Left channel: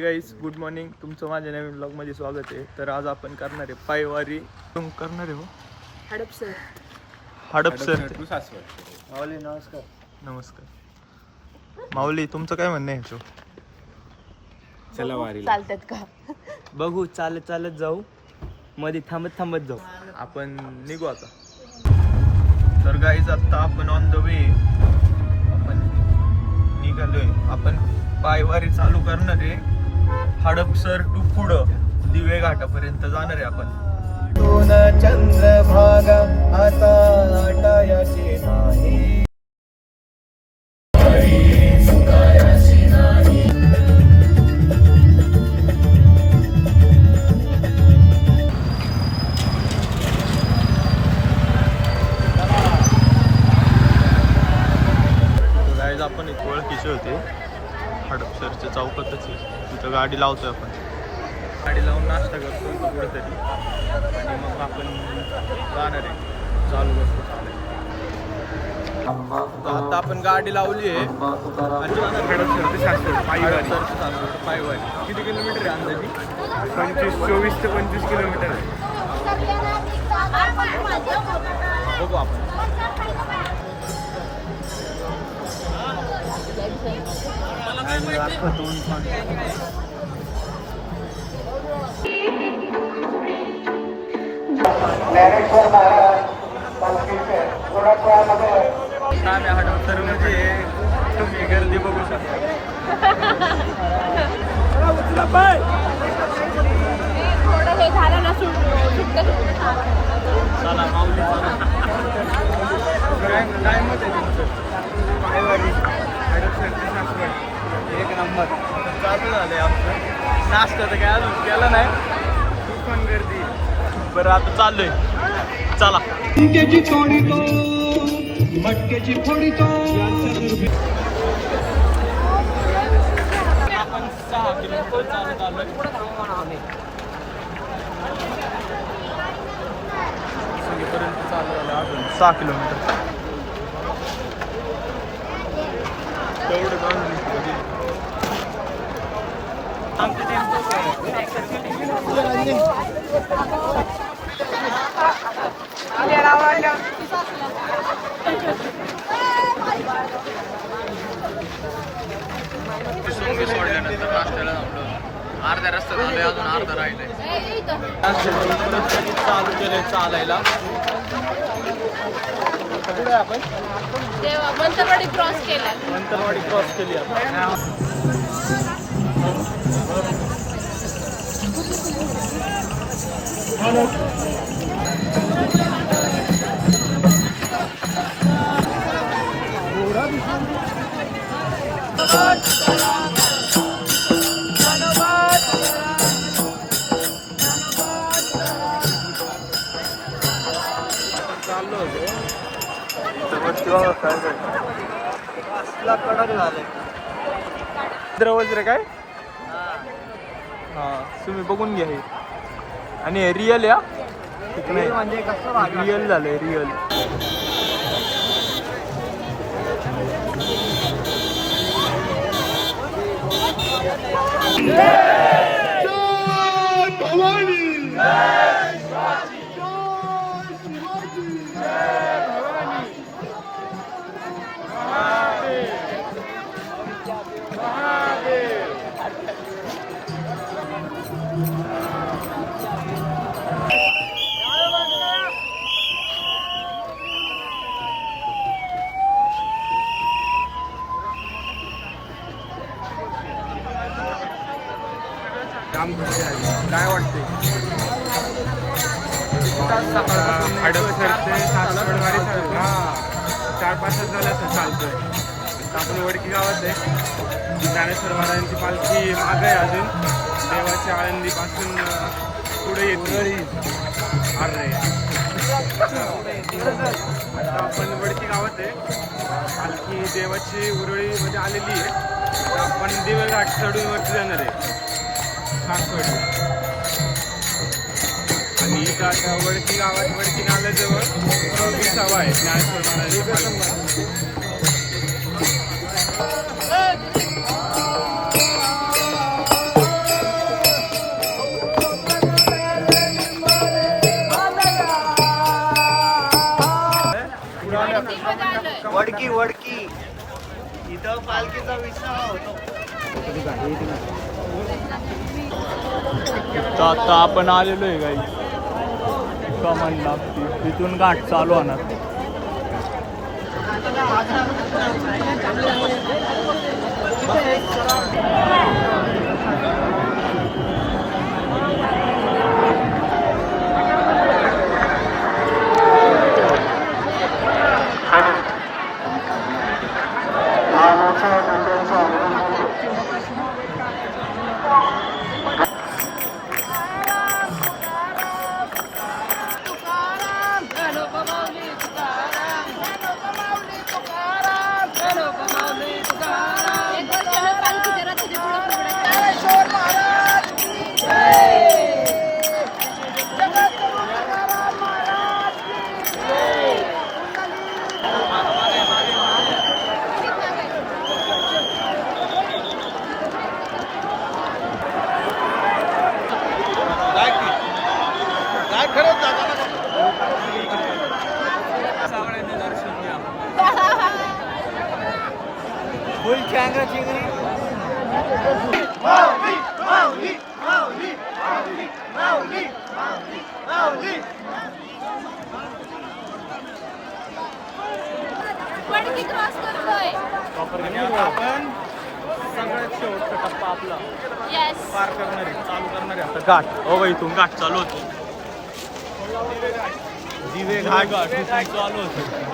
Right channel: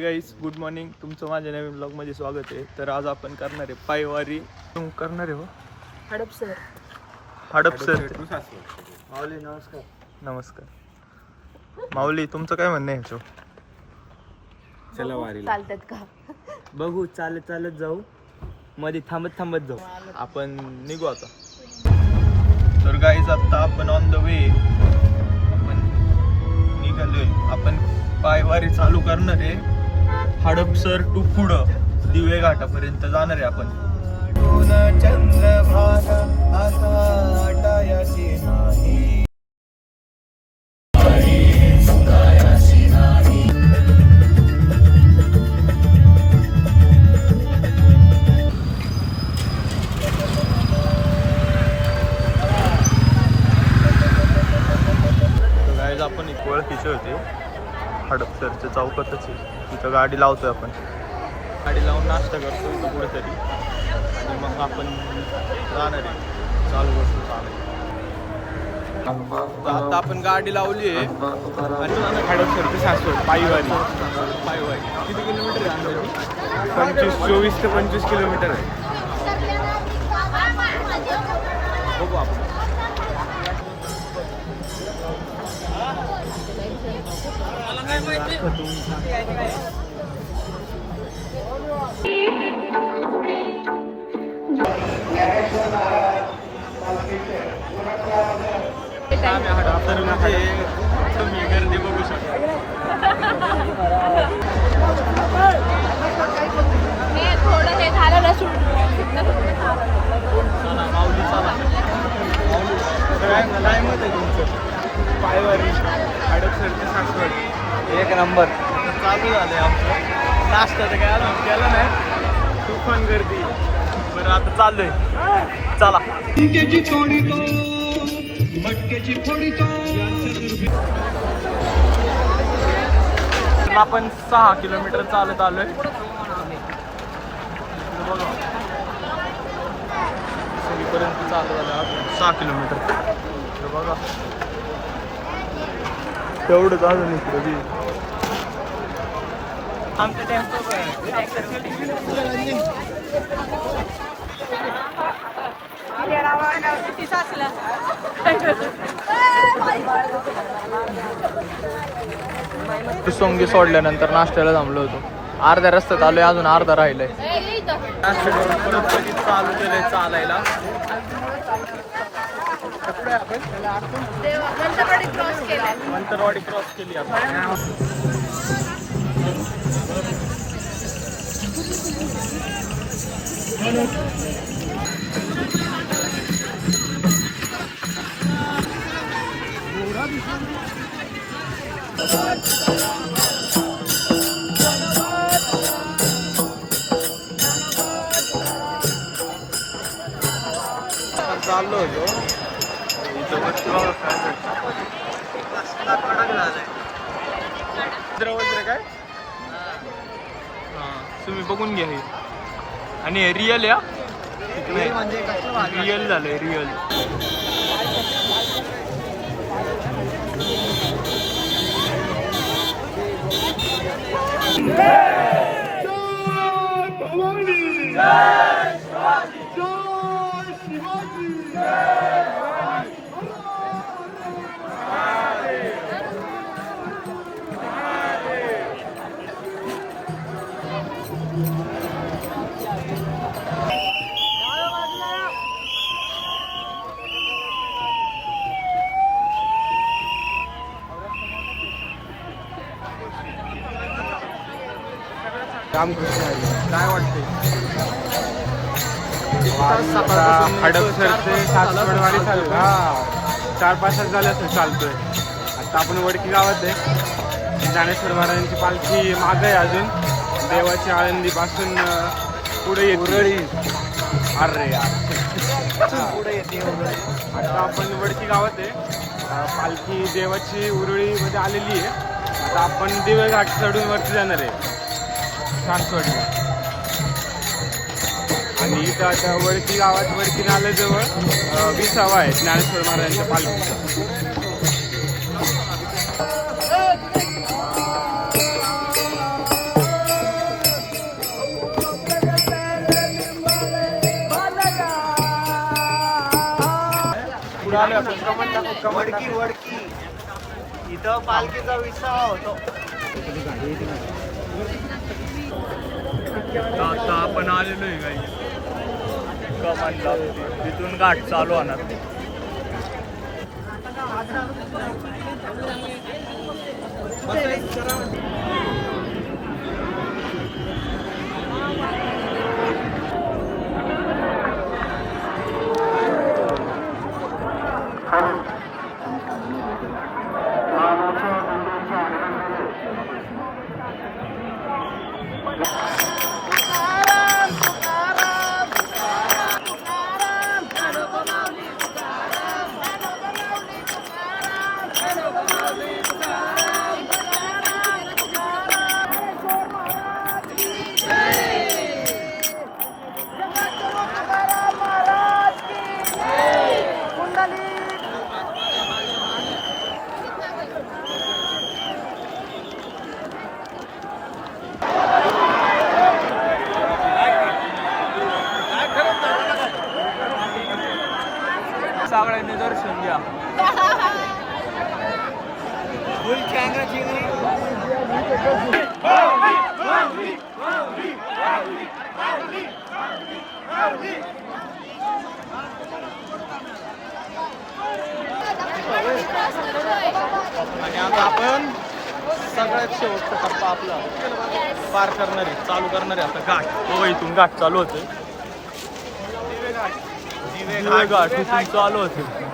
Guys good morning, तुमचं माझ्या नवीन ब्लॉगमध्ये स्वागत आहे. तर आज आपण करणार आहे पायवारी. करणार आहे हो हडपसर. माऊली नमस्कार. नमस्कार माऊली, तुमचं काय म्हणणं आहे ह्याच्यावर? चला वारीला चालतात का? बघू, चालत चालत जाऊ, मध्ये थांबत थांबत जाऊ. आपण निघू आता. तर गाईज आता आपण ऑन द वे आपण निघालोय. आपण पायवारी चालू करणार आहे हडपसर टू पुढं दिवे घाटापर्यंत जाणार आहे आपण. चंद्रभागा आता आटायाची नाही. आपण एक ओळखीचे होते हडपसरच्या चौकातच आहे, तिथं गाडी लावतोय आपण. गाडी लावून नाश्ता करतो इथं कुठेतरी आणि मग आपण जाणार आहे, चालू करतो चालायला. आता आपण गाडी लावली आहे आणि हडपसर ते सासवड पायवारी. किती किलोमीटर आहे अंदाजी? 24 ते 25 किलोमीटर आहे. बघू आपण. हडपसर मध्ये तुम्ही गर्दी बघू शकता. थोडं हे झालं ना सुटलं. चला माऊली, चला. काय मत आहे तुमचं? पायवारी हडपसर ते सासवड एक नंबर. आता चालू झालंय आमचं. नाश्ता तर काय अजून केलं नाही, तुफान गर्दी. बरं आता चाललोय, चला. आपण 6 किलोमीटर चालत आलोय. सगळीपर्यंत चालत आलं अजून 6 किलोमीटर. बघा तेवढंच अजून इकडं बी. सोंगी सोडल्यानंतर नाश्त्याला थांबलो होतो. अर्ध्या रस्त्यात आलोय, अजून अर्धा राहिलंय. नाश्ता करून परत कधी चालू केलंय चालायला. कुठे आहे आपण? मंतरवाडी क्रॉस केली आपण. आपण चाललो होतो वरती. बघा काय असला कडक झालाय वगैरे काय. हा तुम्ही बघून घ्या हे. आणि हे रिअल या ठीक नाही, रिअल झालंय रिअल. काय वाटतंय? सकाळपासून 4-5 तास झाले असं चालतं. आता आपण वडकी गावात आहे. ज्ञानेश्वर महाराजांची पालखी मागे आहे अजून. देवाची आळंदीपासून पुढे येते. अरे आता आपण वडकी गावात आहे. पालखी देवाची उरळीमध्ये आलेली आहे. आता आपण दिवे घाट चढून वरती जाणार आहे सासवड. आणि इथं आता वरती गावात वरती नाल्याजवळ विसावा आहे ज्ञानेश्वर महाराजांच्या पालखी. वडकी वडकी इथं पालखीचा विसावा होतो. तर आता आपण आलेलो आहे काही कमानला, तिथून घाट चालू होणार. सगळ्यांनी दर्शन घ्या. फुल चँगा चिंगरी. वडकी क्रॉस करतोय. आणि आता आपण सगळ्यात शेवटचा टप्पा आपला येस. पार करणार आहे, चालू करणार आहे आता घाट. हो इथून घाट चालू होते, दिवे घाट इथून चालू होते.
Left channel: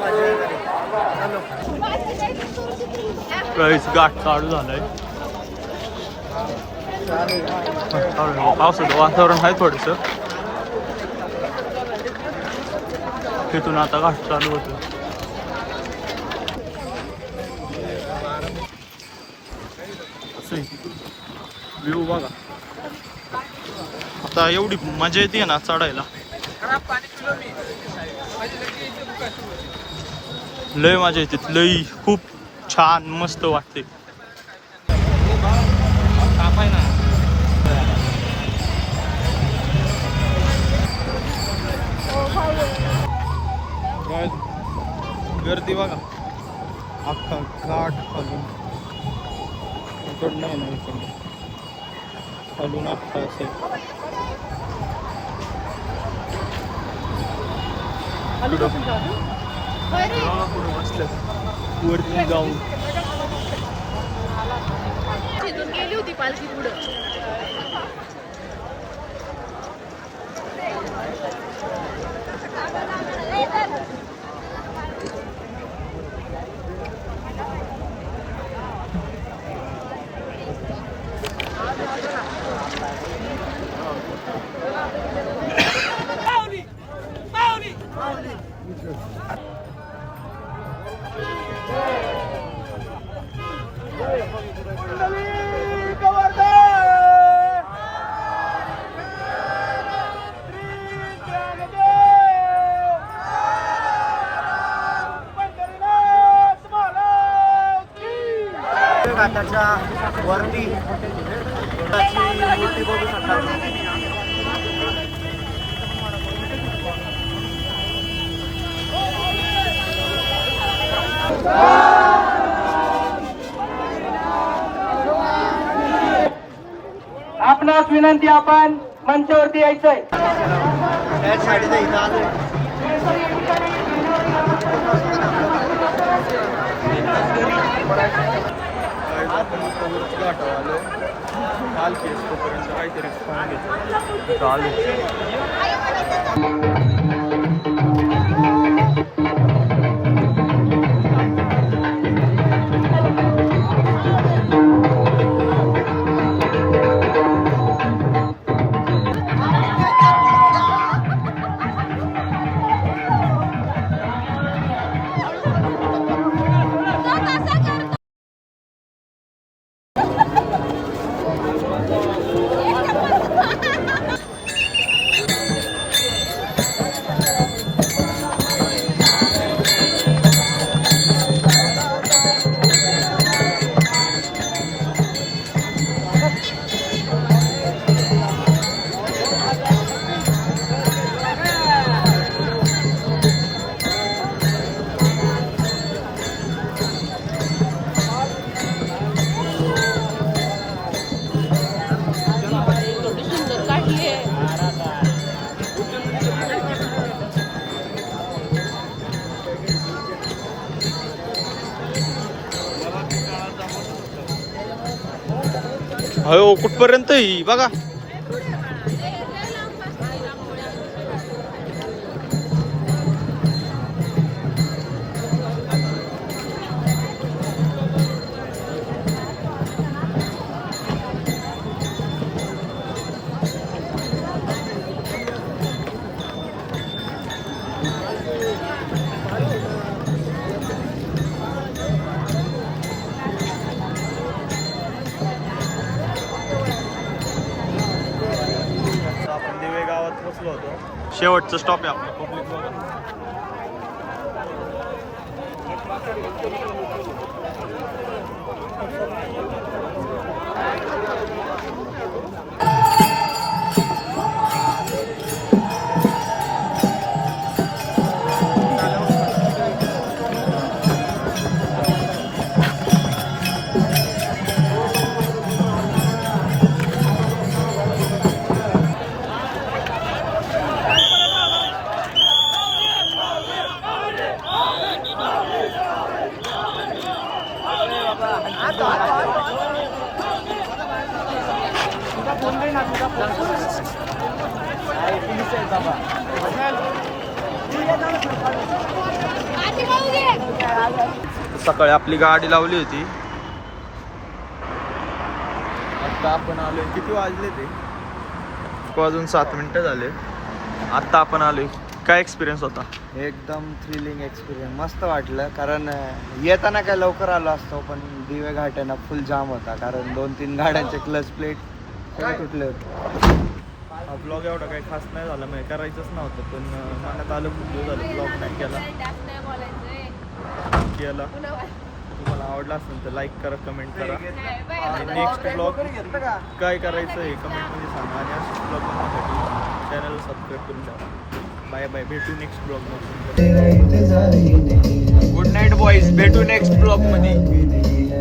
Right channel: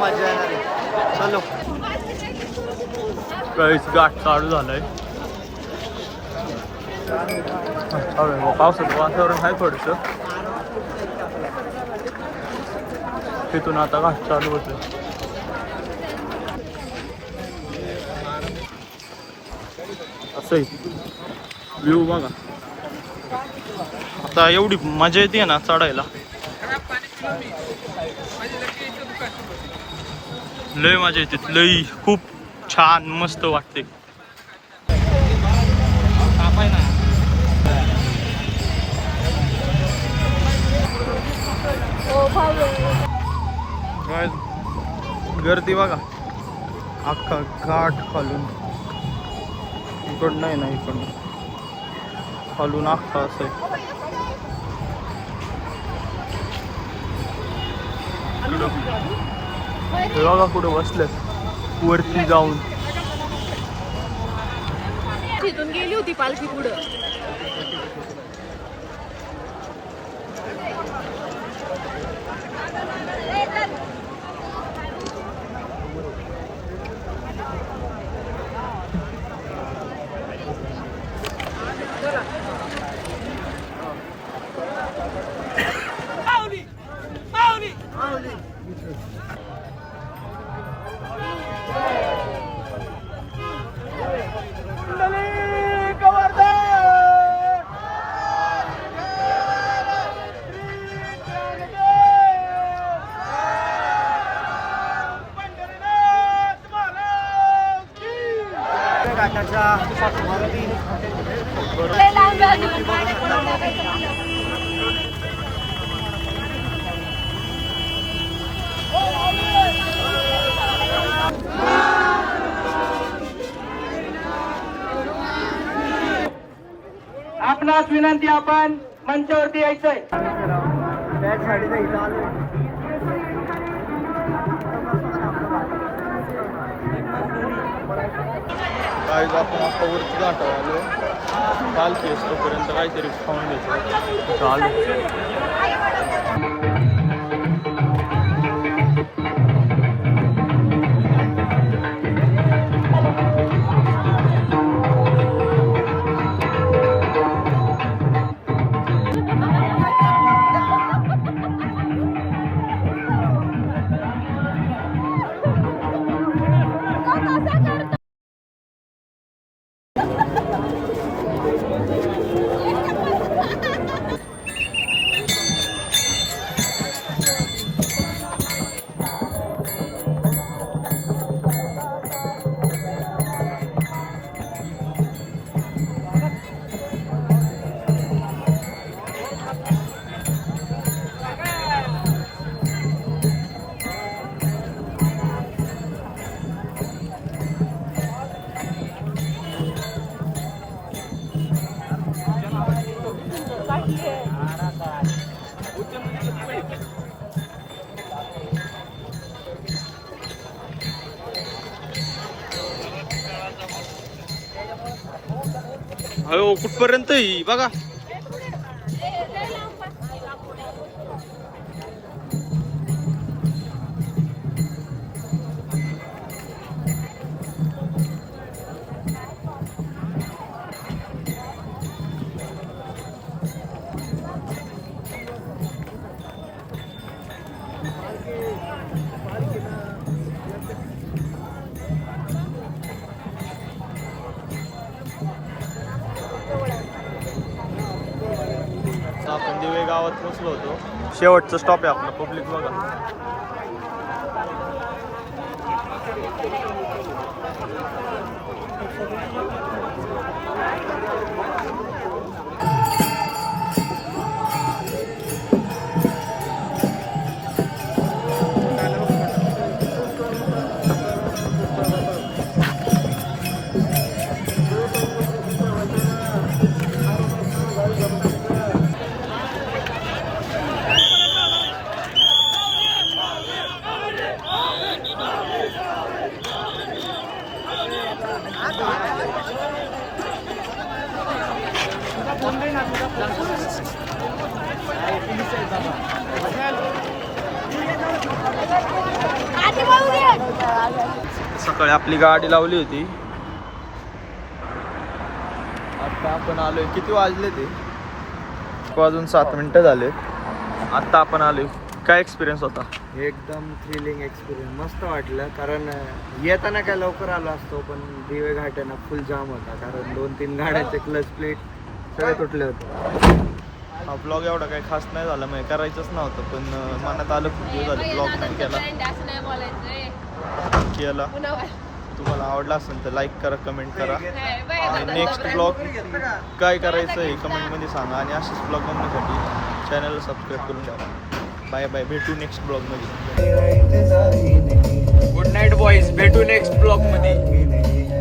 मजा येणार आहे. चलो काहीच घाट चालू झालाय. चालू आहे पावसाचं वातावरण आहे थोडंसं. तिथून आता घाट चालू होतं. असं व्ह्यू बघा. आता एवढी मजा येते ना चढायला, लय मजा येते, लय खूप छान मस्त वाटते. गर्दी बघा, अख्खा घाट खालून, इकडं नाही ना, इकडं खालून अख्खा असं आहे. इकडं बघा कुठं बसल्यात वरती जाऊन. तिथून गेली होती पालखी पुढं. घाटाच्या वरती मूर्ती बघू शकता. आपणास विनंती, आपण मंचावरती यायचंय. त्या साईडला इथं आलो. आज आपण आता वरती घाटावर आलोय. पालखी असतोपर्यंत काहीतरी खाऊन घ्यायचं. चालेल. हो कुठपर्यंत ही बघा. आपण दिवे गावात पोचलो होतो. शेवटचं स्टॉप आहे आपला पब्लिक बघा. सकाळी आपली गाडी लावली होती. आता आपण आलोय, किती वाजले ते? 1:07 झाले. आता आपण आलोय. काय एक्सपिरियन्स होता? एकदम थ्रिलिंग एक्सपिरियन्स, मस्त वाटलं. कारण येताना काय लवकर आलो असतो, पण दिवे घाट आहे ना फुल जाम होता. कारण 2-3 गाड्यांचे क्लच प्लेट सगळे तुटले होते. हा ब्लॉग एवढा काही खास नाही झाला, म्हणजे करायचंच नव्हतं, पण मनात आलं खूप दिवस झालं ब्लॉग नाही केला. तुम्हाला आवडला असेल तर लाईक करा, कमेंट करा. आणि नेक्स्ट ब्लॉग काय करायचं आहे कमेंटमध्ये सांगा. आणि असेच ब्लॉग बनवण्यासाठी चॅनलला सबस्क्राईब करून द्या. बाय बाय, भेटू नेक्स्ट ब्लॉगमध्ये. गुड नाईट बॉईज, भेटू नेक्स्ट ब्लॉग मध्ये.